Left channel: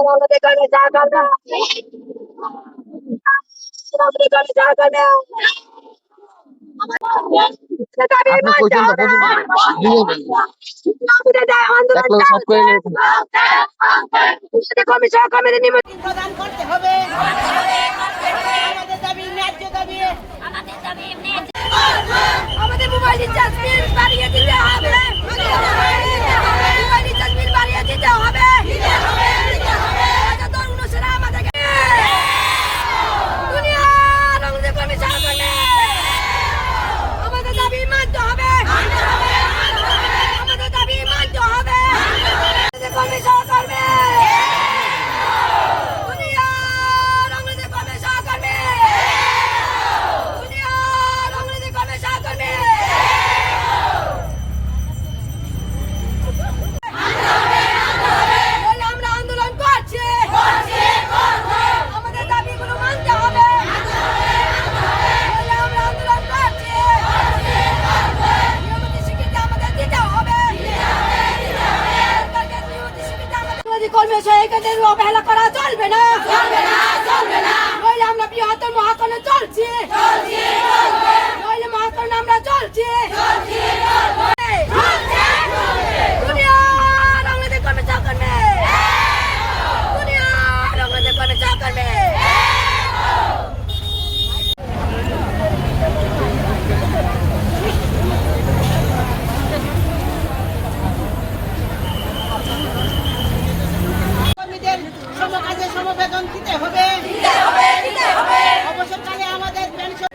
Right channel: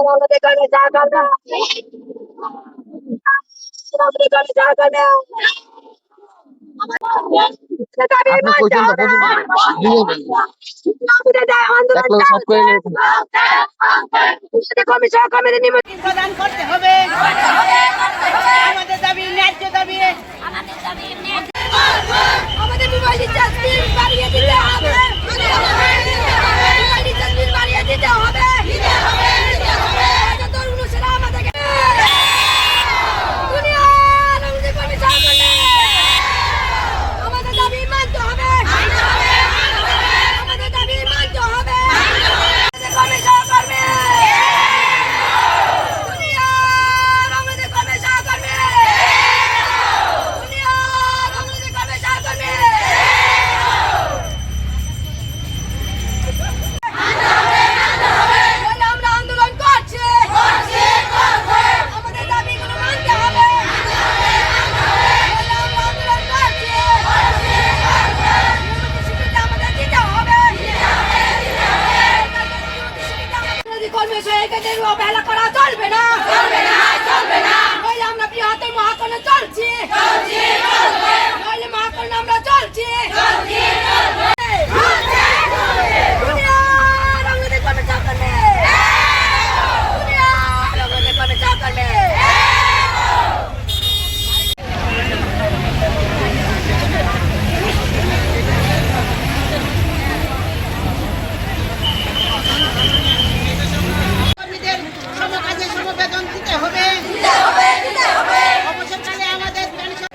আমাদের গানে যা গানে আমাদের গানে যা গানে আপনি কইছেন তো একলা সব করে নিয়েছেন। প্রদান করতে হবে আমাদের দাবি ন্যায্য দাবি আমাদের মোবাইল রিচার্জ বিল বাড়িয়ে দিতে হবে মোবাইল রিচার্জ বিল বাড়িয়ে দিতে হবে তরুণ সেরা আমাদেরকে দুনিয়ার আমাদের কমিশন করলে আমাদের দাবি মানতে হবে আমাদের দাবি মানতে হবে আমাদের কমিশন করবে দুনিয়ার আমাদের কমিশন করবে দুনিয়ার আমাদের কমিশন করবে আমরা আন্দোলন করছি আমাদের দাবিগুলো মানতে হবে আমরা আন্দোলন করছি আমাদের দিতে হবে কর্মসূচির অবহেলা করা চলবে না আমরা বৃহত্তর মহাকরণে চলছি মহাকরণে আমরা চলছি দুনিয়ার আমাদের কমিশন করবে দুনিয়ার আমাদের কমিশন করবে কর্মীদের সমকাজে সমবেতন দিতে হবে অবসরকালে আমাদের পেনশন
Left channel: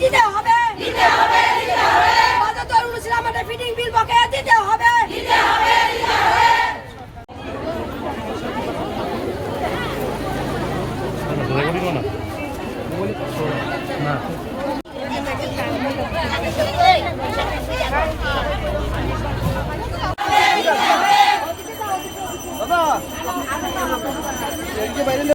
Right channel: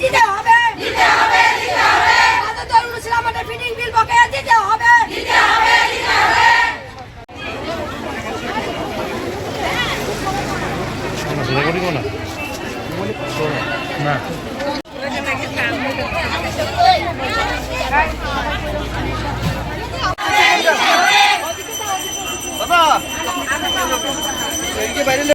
দিতে হবে তরুণ ইসলাম আমাদের ফিটিং বিল বকেয়া দিতে হবে দাদা